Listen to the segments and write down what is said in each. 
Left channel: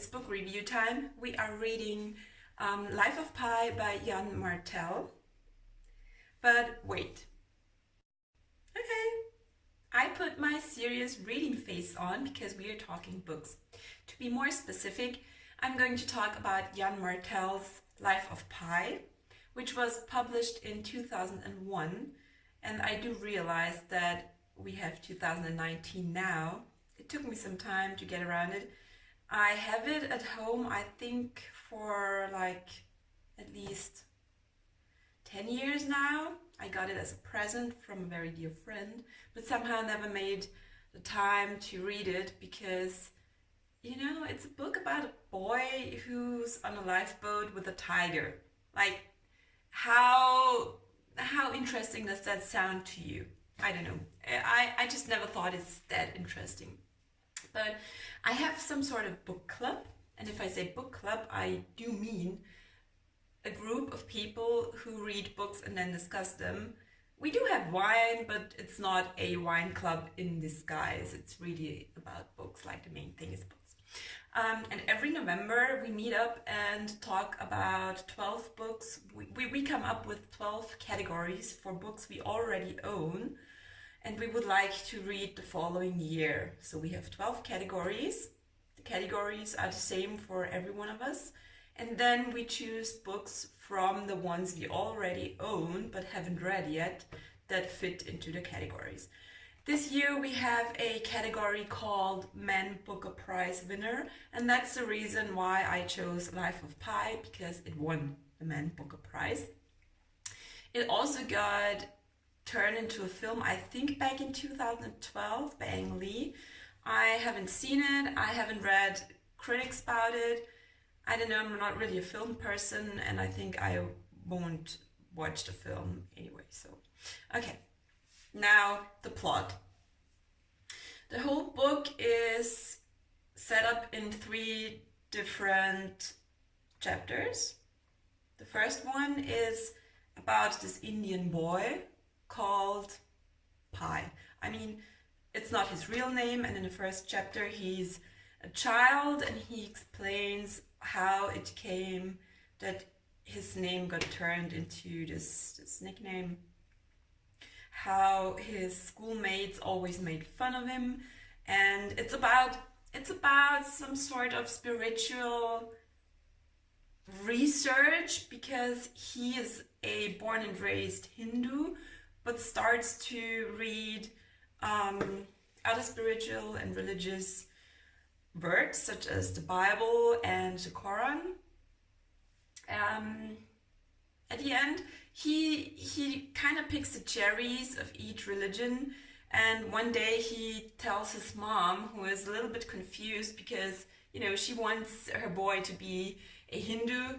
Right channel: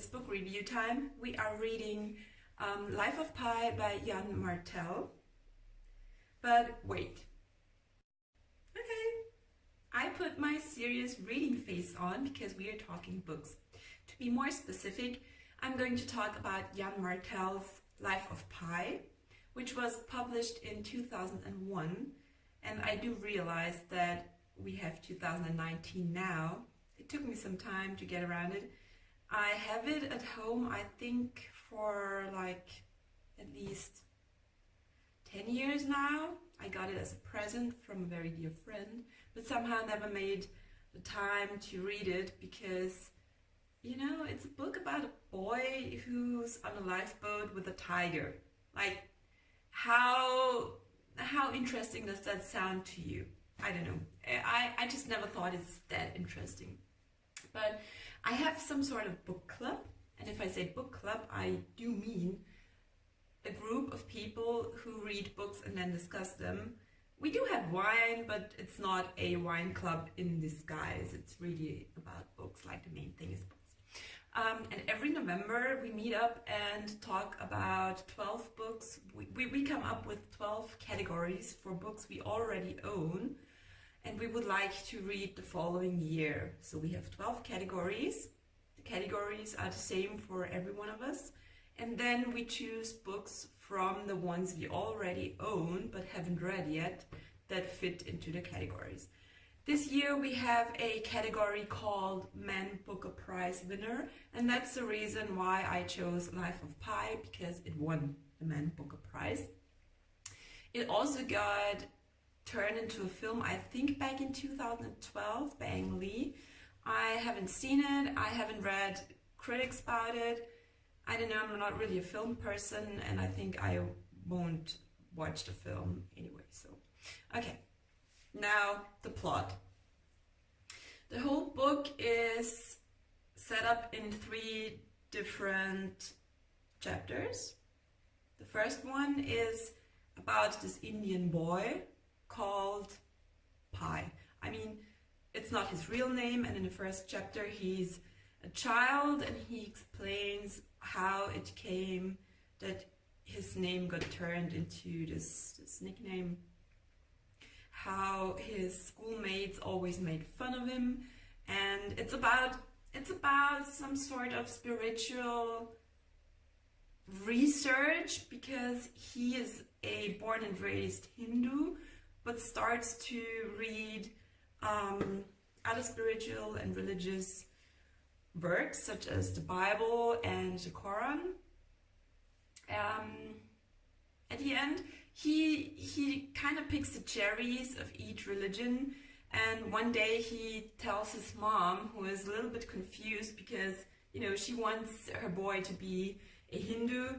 it's book review time. We are reading Life of Pi by Yann Martel. But wait. Okay, I put my serious reading face on because we are talking books. To be more specific, I'm going to talk about Yann Martel's Life of Pi, which was published in 2001. And I do realize that we have 2019 now. It took me some time to get around it. I have it at home, I think, for like at least 10 years now. I got it as a present from a very dear friend, but somehow never made the time to read it because, you know, it's a book about a boy who's on a lifeboat with a tiger. Like, how interesting does that sound to you? I don't know. I just never thought it's that interesting. But I have some sort of book club, and if I say book club, I do mean a group of people who read books and then discuss them. We do have wine, but it's not a wine club in disguise. It's really about books, like the main thing is books. And every November we meet up and talk about 12 books. We come up with 12 categories for books we already own and we would like to read the following year. So we have 12 categories. The categories are the same for every one of us. And then we choose books from the ones we already own but haven't read yet that fit into the categories. This year we have a category called Man Booker Prize Winner, and that's the reason why I chose Life of Pi, because it won the Man Booker Prize. It also got turned into a film, I think back in 2012 by Ang Lee. I haven't seen it, I haven't read critics about it. I don't know, I'm not really a film person and I think I won't watch the film anyway, so okay. Now, the plot. The whole book is set up in 3 different chapters. The first one is about this Indian boy called Pi. I mean, it's not his real name, and in the first chapter he's a child and he explains how it came that his name got turned into this nickname. How his schoolmates always made fun of him, and it's about some sort of spiritual research because he is a born and raised Hindu but starts to read other spiritual and religious works such as the Bible and the Quran. At the end he kind of picks the cherries of each religion, and one day he tells his mom, who is a little bit confused because, you know, she wants her boy to be a Hindu.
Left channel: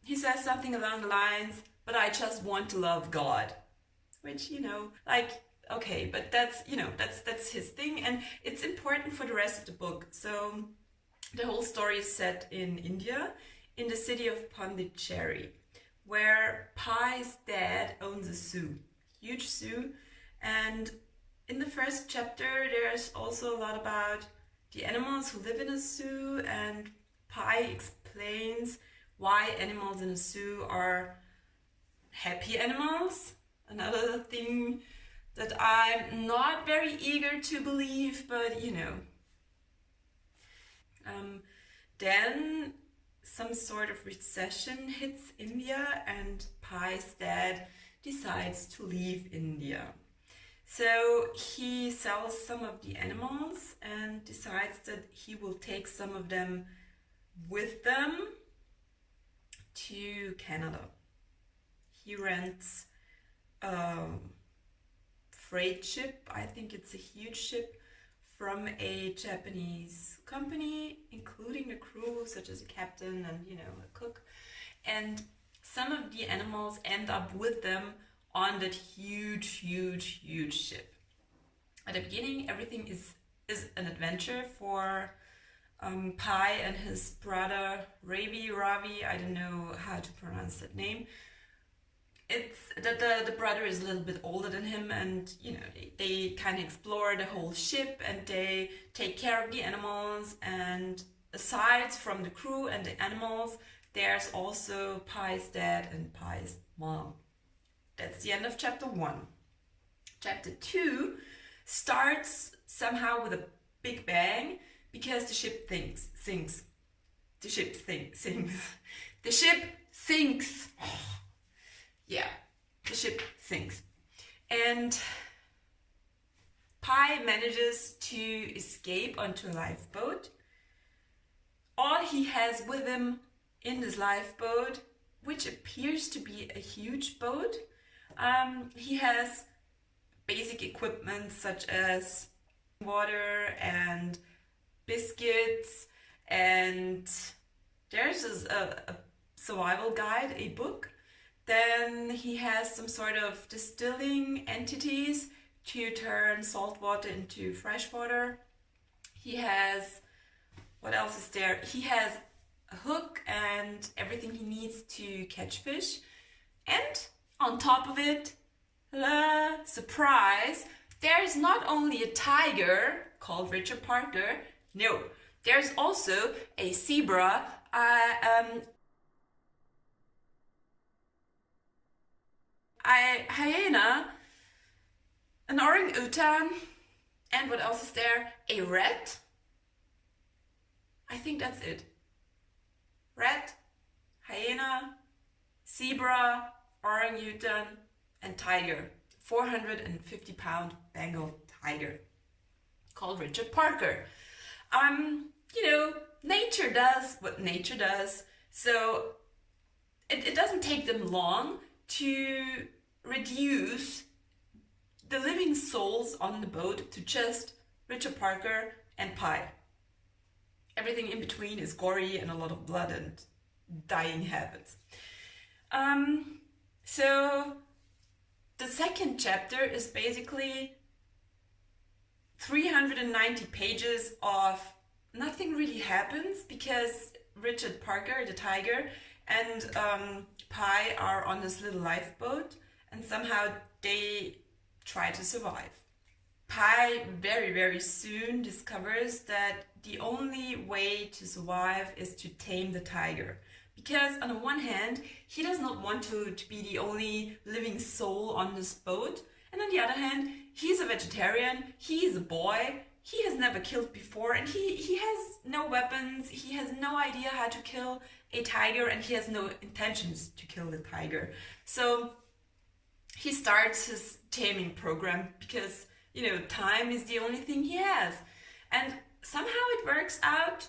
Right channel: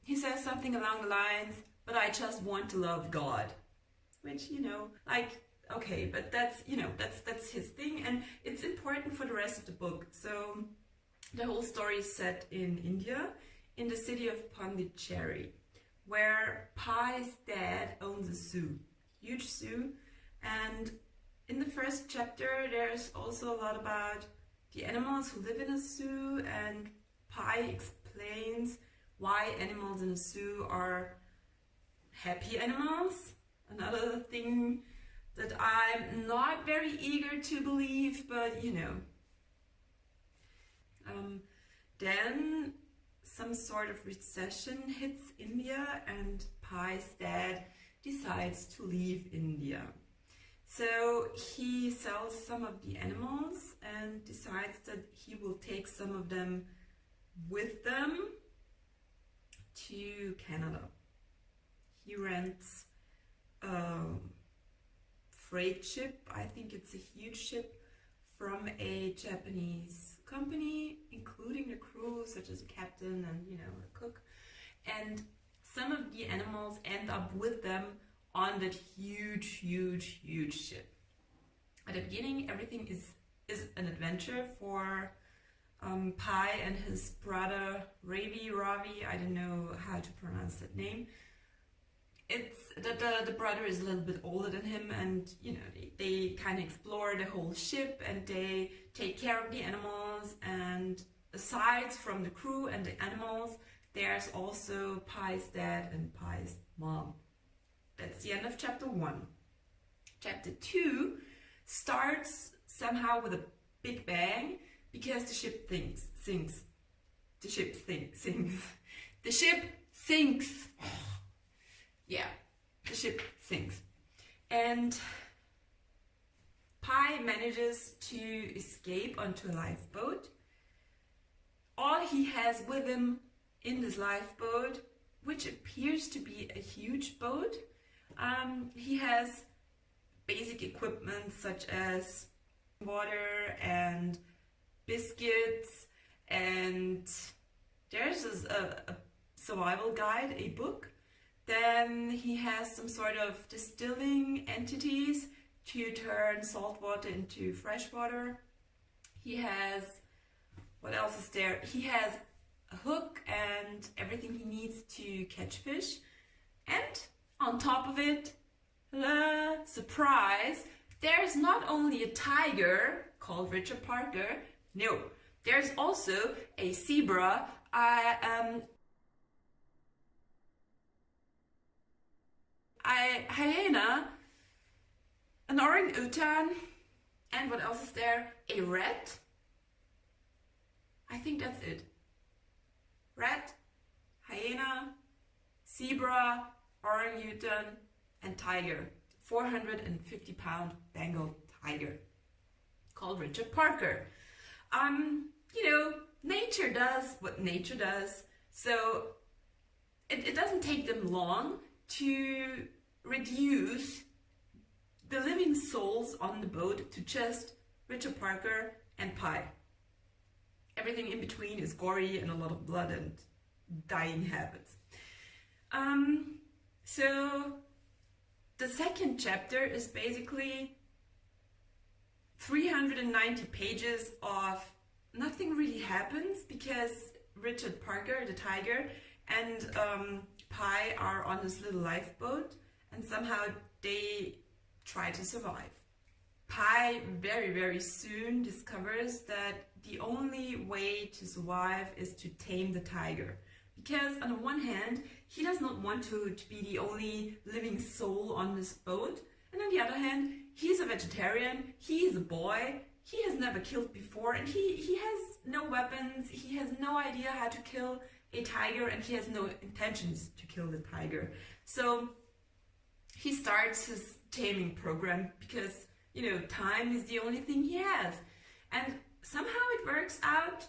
He says something along the lines, but I just want to love God, which, you know, like, okay, but that's, you know, that's his thing, and it's important for the rest of the book. So the whole story is set in India, in the city of Pondicherry, where Pi's dad owns a zoo, huge zoo. And in the first chapter there's also a lot about the animals who live in a zoo, and Pi explains why animals in a zoo are happy animals. Another thing that I'm not very eager to believe, but you know. Then some sort of recession hits India and Pi's dad decides to leave India. So he sells some of the animals and decides that he will take some of them with them to Canada. He rents a freight ship, I think it's a huge ship, from a Japanese company, including the crew, such as a captain and, you know, a cook. And some of the animals end up with them on that huge ship. At the beginning, everything is an adventure for Pi and his brother Ravi, I don't know how to pronounce that name. it's the brother is a little bit older than him, and you know, they kind of explore the whole ship and they take care of the animals. And aside from the crew and the animals, there's also Pi's dad and Pi's mom. That's the end of chapter 1. Chapter 2 starts somehow with a big bang because the ship sinks. The ship sinks. The ship sinks. Yeah, the ship sinks. And Pi manages to escape onto a lifeboat. All he has with him in this lifeboat, which appears to be a huge boat, he has basic equipment such as water and biscuits, and there's a survival guide, a book. Then he has some sort of distilling entities to turn salt water into fresh water. He has, what else is there? He has a hook and everything he needs to catch fish. And on top of it, surprise, there's not only a tiger called Richard Parker, no, there's also a zebra, a hyena, an orangutan, and what else is there? A rat? I think that's it. Rat, hyena, zebra, orangutan, and tiger. 450-pound Bengal tiger called Richard Parker. You know, nature does what nature does, so it doesn't take them long to reduce the living souls on the boat to just Richard Parker and Pi. Everything in between is gory and a lot of blood and dying habits. So the second chapter is basically 390 pages of nothing really happens because Richard Parker, the tiger, and Pi are on this little lifeboat, and somehow they try to survive. Pi very soon discovers that the only way to survive is to tame the tiger. Because on the one hand, he does not want to be the only living soul on this boat. And on the other hand, he's a vegetarian, he's a boy, he has never killed before, and he has no weapons, he has no idea how to kill a tiger, and he has no intentions to kill the tiger. So he starts his taming program because, you know, time is the only thing he has. And somehow it works out.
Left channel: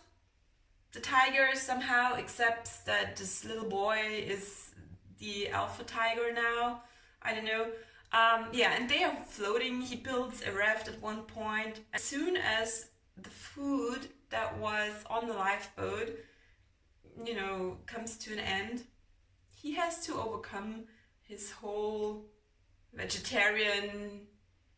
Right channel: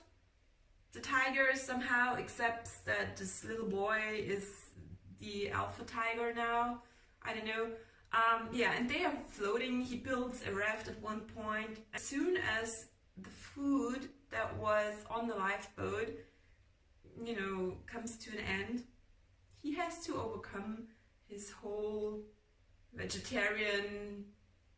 The tiger somehow accepts that this little boy is the alpha tiger now. I don't know. Yeah, and they are floating. He builds a raft at one point. As soon as the food that was on the lifeboat, you know, comes to an end, he has to overcome his whole vegetarian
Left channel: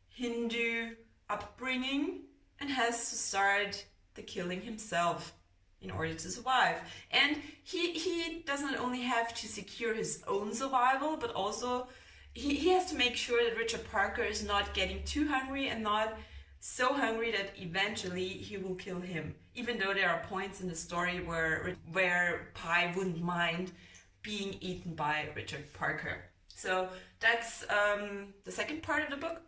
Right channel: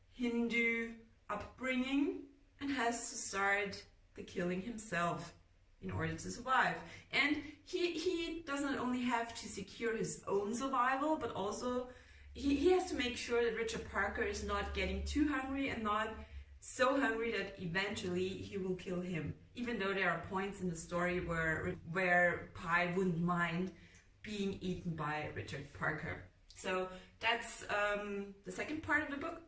Hindu upbringing and has to start the killing himself in order to survive. And he does not only have to secure his own survival, but also he has to make sure that Richard Parker is not getting too hungry and not so hungry that eventually he will kill him. Even though there are points in the story where Pi wouldn't mind being eaten by Richard Parker. So that's the second part of the book.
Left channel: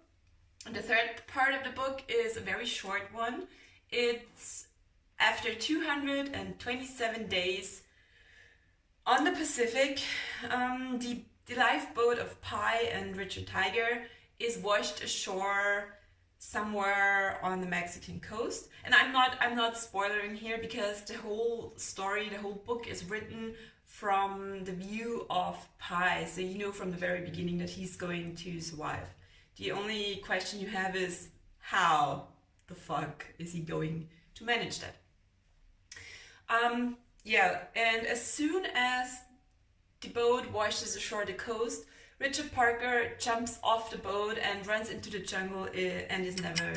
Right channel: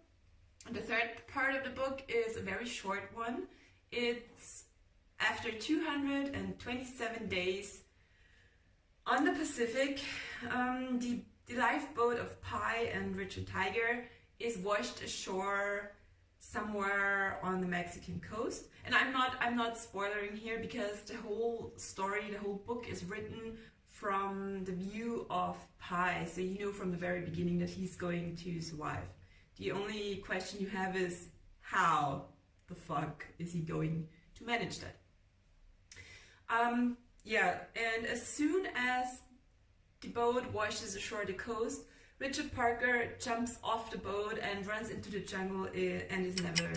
And the third part of the book is a very short one. It's after 227 days on the Pacific, the lifeboat of Pi and Richard Tiger is washed ashore somewhere on the Mexican coast. And I'm not spoiling here because the whole story, the whole book is written from the view of Pi. So you know from the very beginning that he's going to survive. The only question you have is how the fuck is he going to manage that? Yeah, and as soon as the boat washes ashore the coast, Richard Parker jumps off the boat and runs into the jungle and is never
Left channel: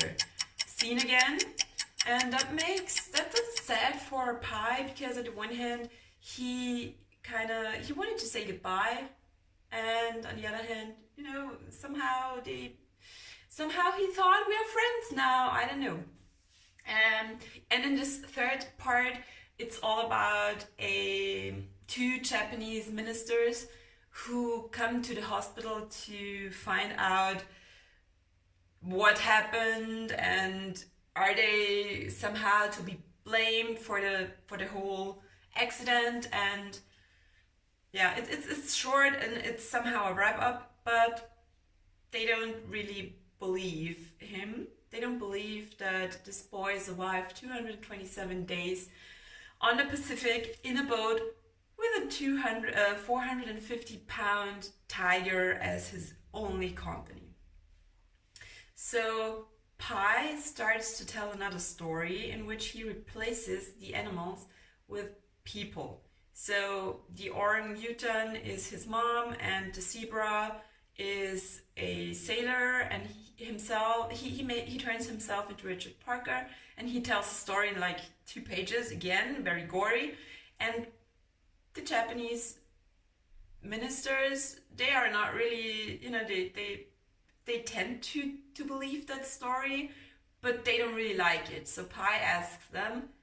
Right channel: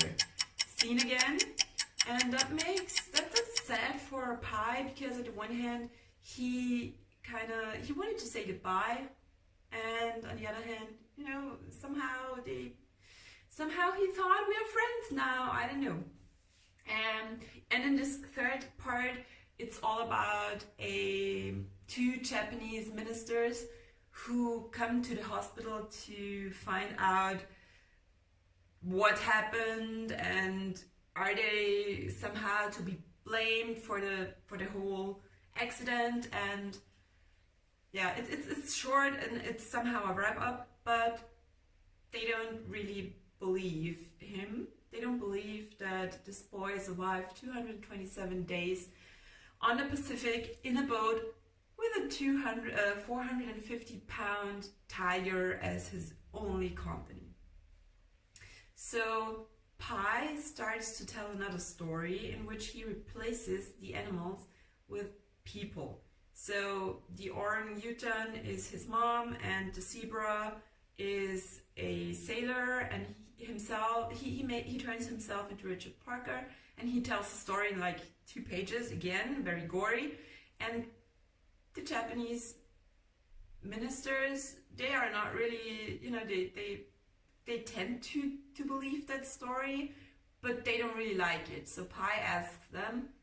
seen again. And that's sad for Pi because on the one hand he wanted to say goodbye and on the other hand, you know, somehow he thought we are friends now. I don't know. And in this third part, it's all about two Japanese ministers who come to the hospital to find out what happened, and are they somehow to be blamed for the whole accident. And yeah, it's short and it's somehow a wrap up, but they don't really believe him. They don't believe that this boy survived 227 days on the Pacific in a boat with a 450-pound tiger as his only company. So Pi starts to tell another story in which he replaces the animals with people. So the orangutan is his mom, and the zebra is a sailor, and he turns himself into Richard Parker, and he tells the story in like 2 pages, again very gory. And the Japanese ministers, they are not really, you know, they tend to believe that story, but they don't really like it. So Pi asks them,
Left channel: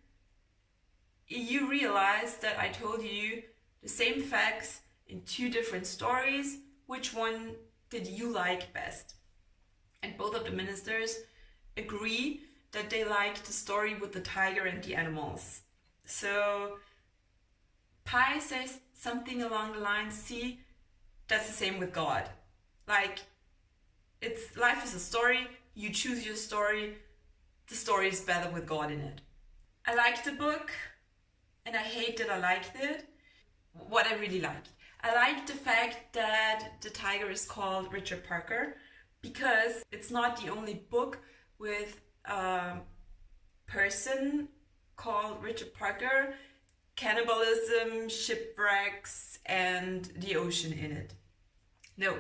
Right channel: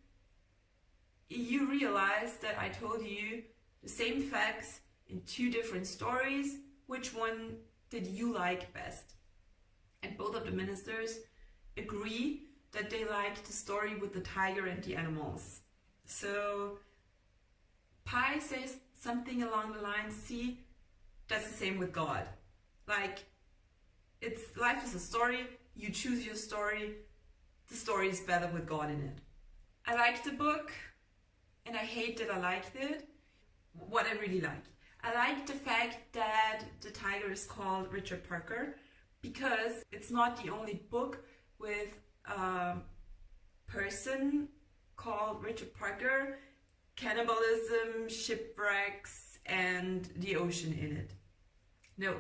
you realize that I told you the same facts in 2 different stories. Which one did you like best? And both of the ministers agree that they liked the story with the tiger and the animals. So Pi says something along the lines, see, that's the same with God. Like, life is a story, you choose your story, the story is better with God in it. I liked the book, and I hate that I liked it. What I really liked, I liked the fact that the tiger is called Richard Parker, because it's not the only book with a person called Richard Parker, cannibalism, shipwrecks, and the ocean in it. No.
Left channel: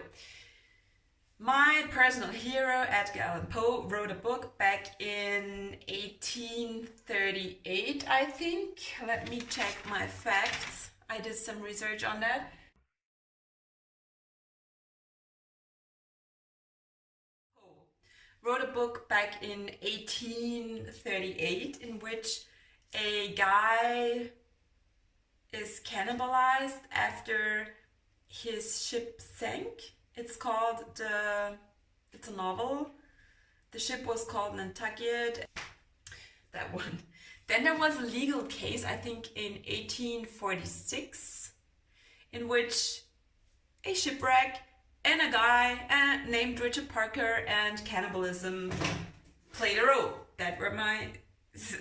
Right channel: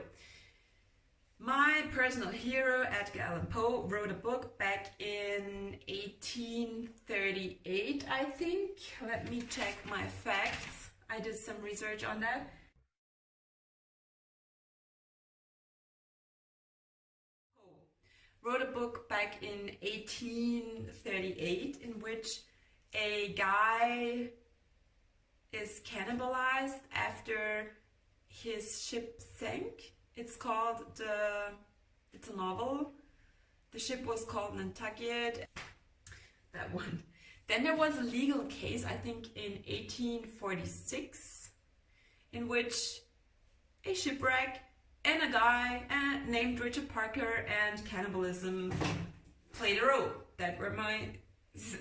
My personal hero, Edgar Allan Poe, wrote a book back in 1838, I think. Let me check my facts. I did some research on that. Poe wrote a book back in 1838 in which a guy is cannibalized after his ship sank. It's a novel. The ship was called Nantucket. That one. Then there was a legal case, I think in 1846, in which a shipwreck and a guy named Richard Parker and cannibalism played a role. That were my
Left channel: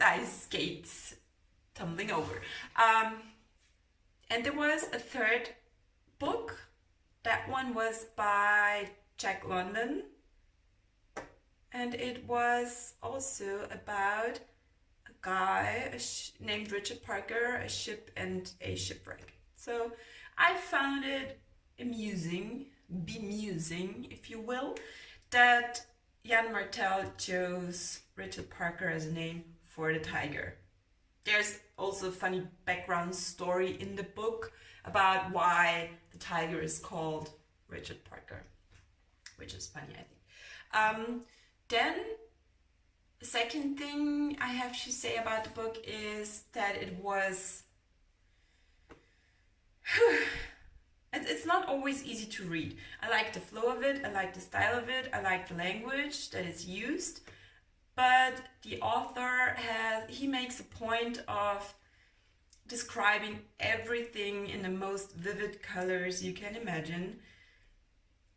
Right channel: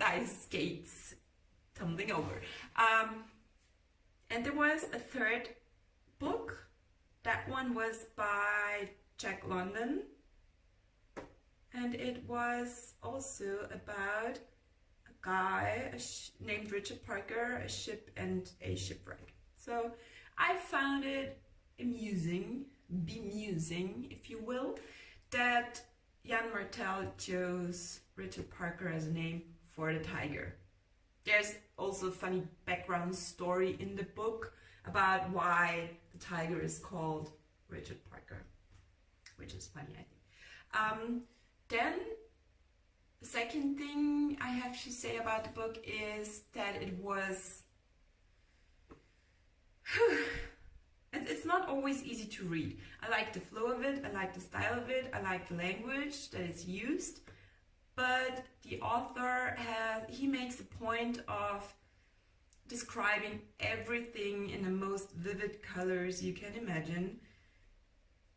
ice skates tumbling over. And there was a third book. That one was by Jack London, and it was also about a guy named Richard Parker, a ship, and a shipwreck. So I found it bemusing, if you will, that Yann Martel chose Richard Parker as a name for the tiger. There's also a funny background story in the book about why the tiger is called Richard Parker, which is funny, I think. Then the second thing I have to say about the book is that it was it's not always easy to read. I like the flow of it, I like the style of it, I like the language that is used, but the author he makes a point of describing everything in the most vivid colors you can imagine.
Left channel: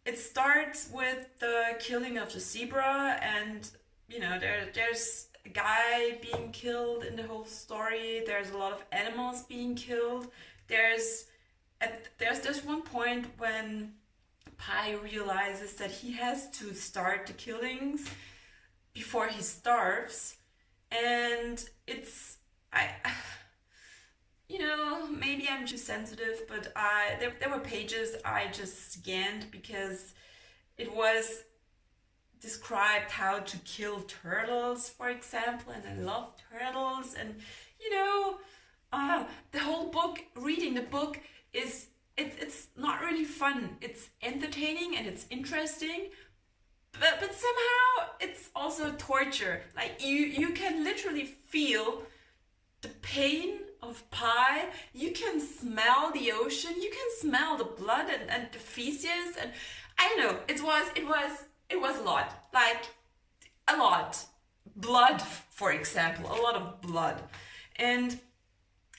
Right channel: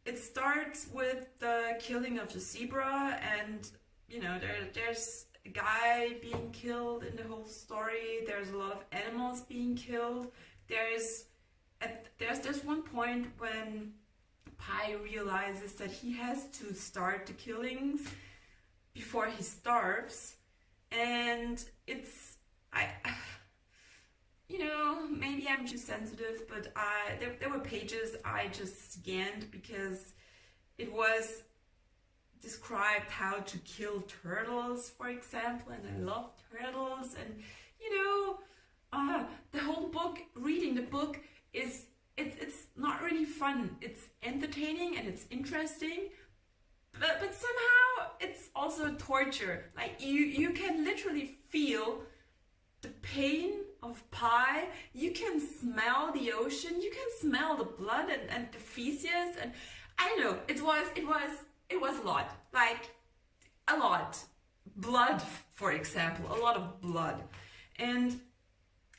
It starts with the killing of the zebra, and you know, there's a guy being killed in the whole story. There's a lot of animals being killed. There's this one point when Pi realizes that he has to start the killings before he starves, and you know, maybe I'm too sensitive, but there were pages I just scanned because it was described how to kill turtles, for example, and I love turtles, and you know, the whole book, reading the book is it's not really fun. It's entertaining and it's interesting, but somehow it's also torture. Like you can literally feel the pain of pie. You can smell the ocean. You can smell the blood and the feces, and I don't know. It was a lot. Like a lot. Blood, for example, a lot of blood. And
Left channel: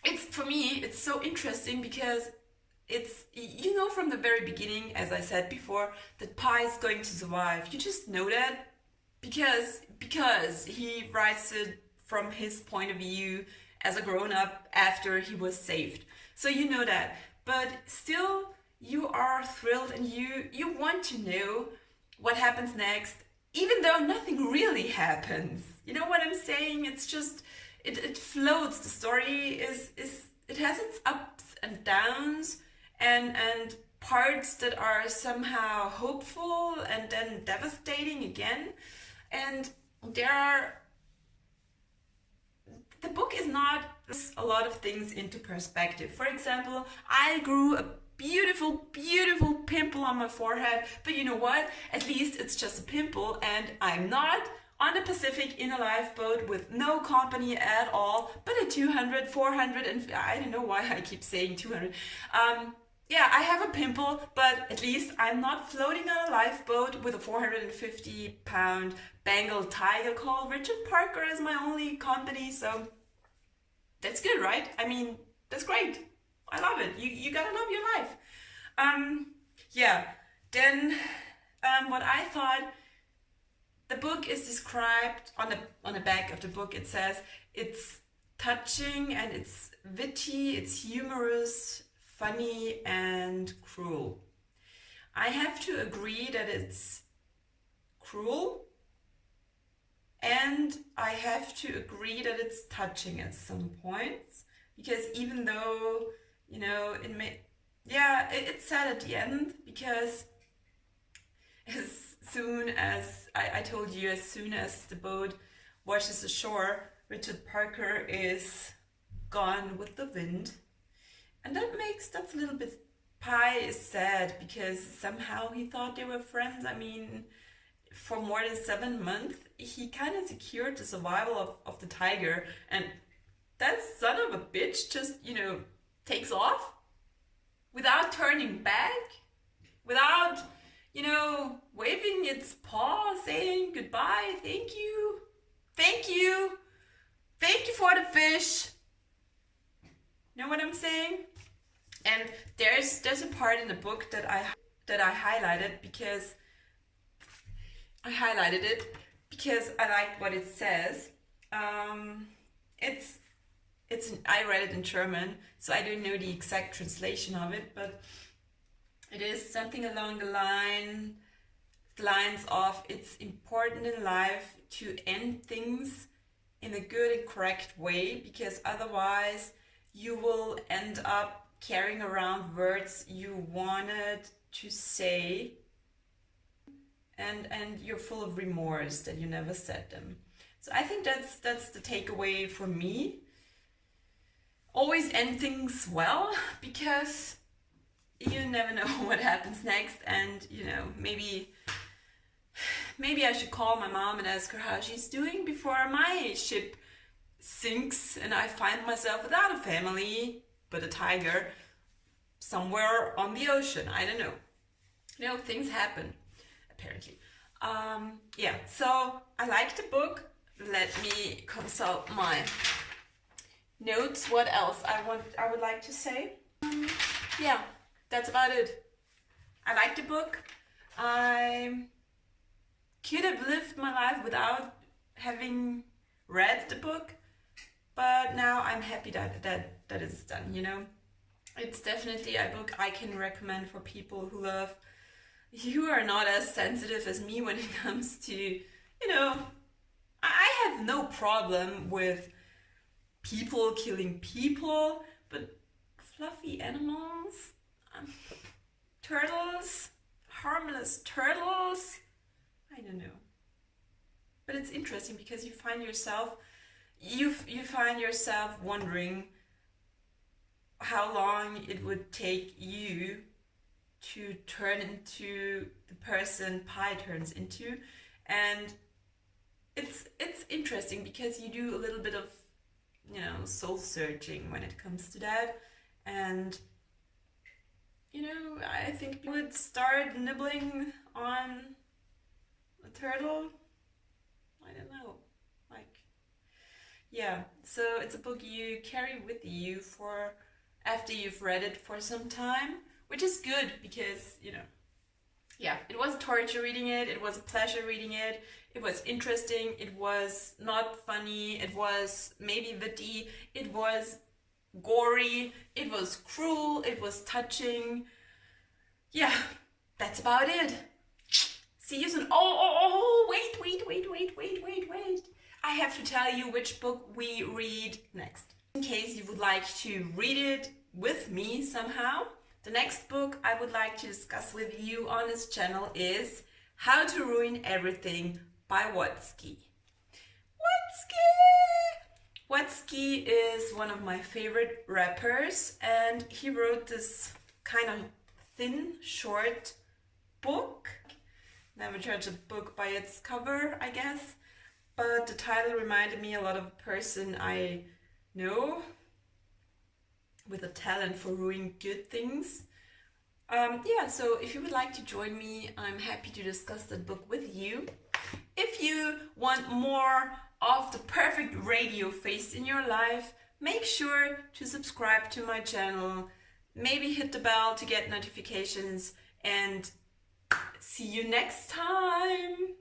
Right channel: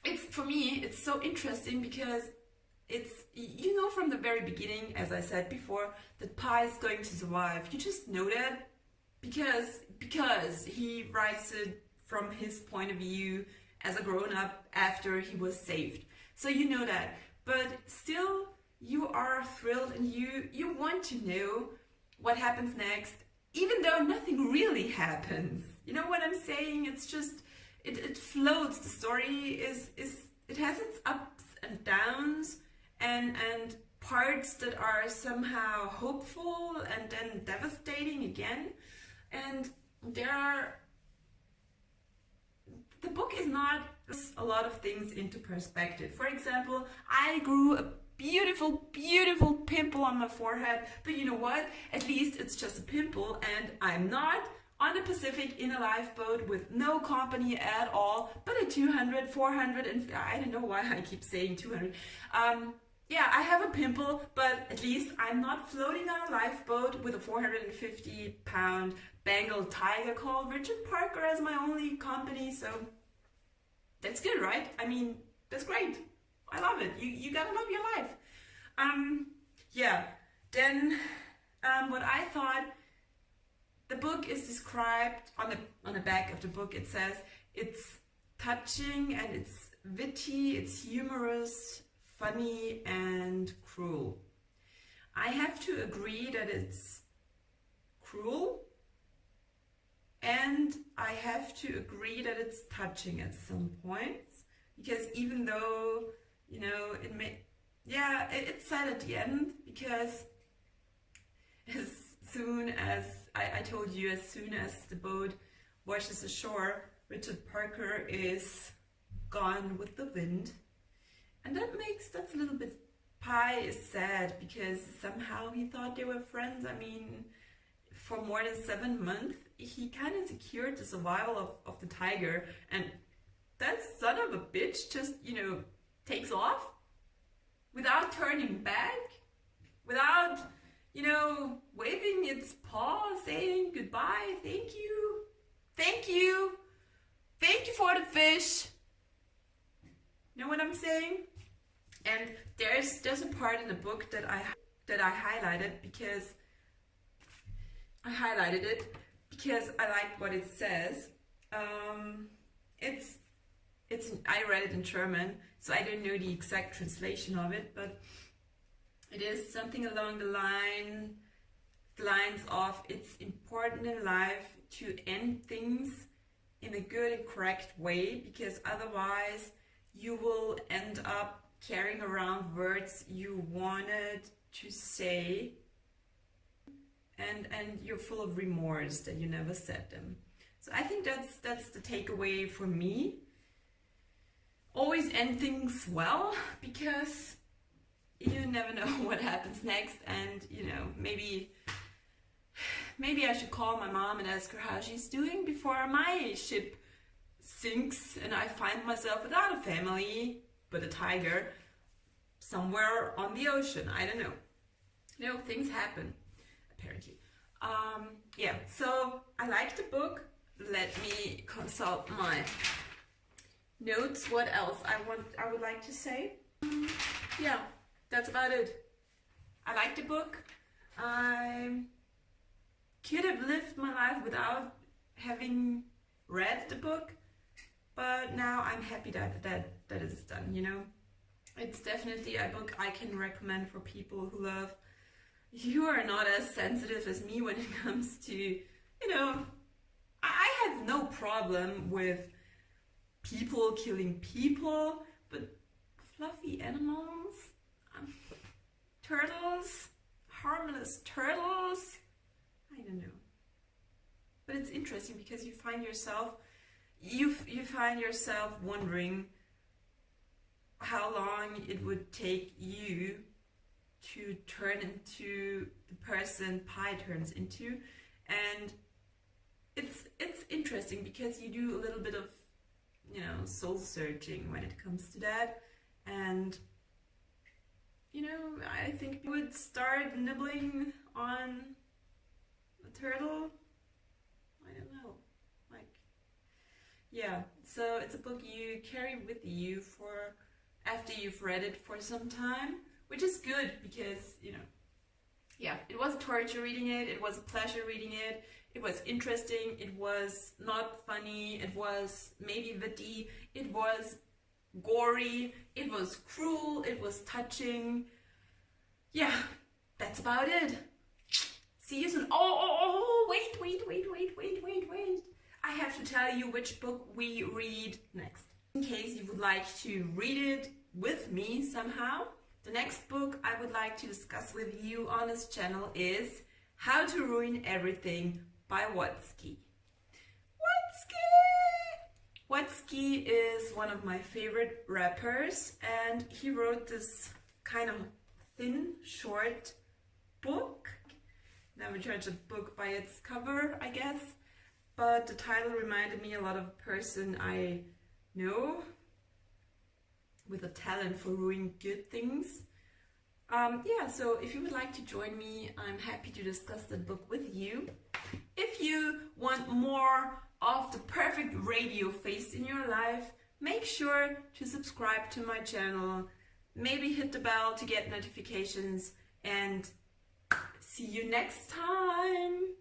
it's, for me, it's so interesting because it's, you know, from the very beginning, as I said before, that Pi is going to survive. You just know that because he writes it from his point of view as a grown-up after he was saved. So you know that. But still, you are thrilled and you want to know what happens next, even though nothing really happens. You know what I'm saying? It's just, it floats. The story is it has its ups and downs, and parts that are somehow hopeful and then devastating again. And the book is not a lot of things into perspective. For example, I grew a beautiful pimple on my forehead, but you know what? At least it's just a pimple, and I'm not on the Pacific in a lifeboat with no company at all, but a 200, 400, and I don't know why I keep saying 200. Yeah, I have a pimple, but at least I'm not floating on a lifeboat with a 450-pound Bengal tiger called Richard Parker as my only company, so that's good, right? I mean, that's great. I love it. You gotta love your life. Yeah, then what I thought, the book is described on the back of the book. It says it's touching and it's witty, it's humorous, funny and cruel. I have to agree that it's cruel, and I have to agree that it's touching at some points, because even though, you know, it's sad at the end, because as soon as I told you, as soon as the boat washes ashore, Richard Parker is gone with the wind. And that's a little bit, Pi is sad because somehow he thought they were friends. I mean, for more than 7 months, he kind of secured the survival of the tiger, and that son of a bitch just, you know, takes off without turning back, without, you know, waving its paw, saying goodbye, thank you, thank you, thank you for the fish. Know what I'm saying? And there's a part in the book that I highlighted because I highlighted it because I liked what it says. I read it in German, so I don't know the exact translation of it, but it is something along the lines of, it's important in life to end things in a good and correct way, because otherwise you will end up carrying around words you wanted to say, and you're full of remorse that you never said them. So I think that's the takeaway for me. Always end things well, because you never know what happens next, and you know, maybe I should call my mom and ask her how she's doing before my ship sinks and I find myself without a family but a tiger somewhere on the ocean. I don't know. You know, things happen, apparently. Yeah, so I like the book. Let me consult my notes. What else I would like to say? Yeah, that's about it. I like the book. I could have lived my life without having read the book, but now I'm happy that it's done, you know. It's definitely a book I can recommend for people who are not as sensitive as me when it comes to, you know, I have no problem with people killing people, but fluffy animals, turtles, harmless turtles, I don't know. But it's interesting because you find yourself wondering how long it would take you to turn into the person Pi turns into. And it's interesting because you do a little bit of, you know, soul searching when it comes to that. And you know, I think people would start nibbling on a turtle. I don't know, like, yeah. So it's a book you carry with you for after you've read it for some time, which is good because, you know, yeah, it was torture reading it, it was a pleasure reading it, it was interesting, it was not funny, it was maybe witty, it was gory, it was cruel, it was touching. Yeah, that's about it. See you soon. Oh, wait. I have to tell you which book we read next. In case you would like to read it with me somehow, the next book I would like to discuss with you on this channel is How to Ruin Everything by Watsky. Watsky is one of my favorite rappers, and he wrote this kind of thin, short book. Never judge a book by its cover, I guess. But the title reminded me a lot of a person I know with a talent for ruining good things. Yeah, so if you would like to join me, I'm happy to discuss that book with you. If you want more of the perfect radio face in your life, make sure to subscribe to my channel. Maybe hit the bell to get notifications, and see you next time.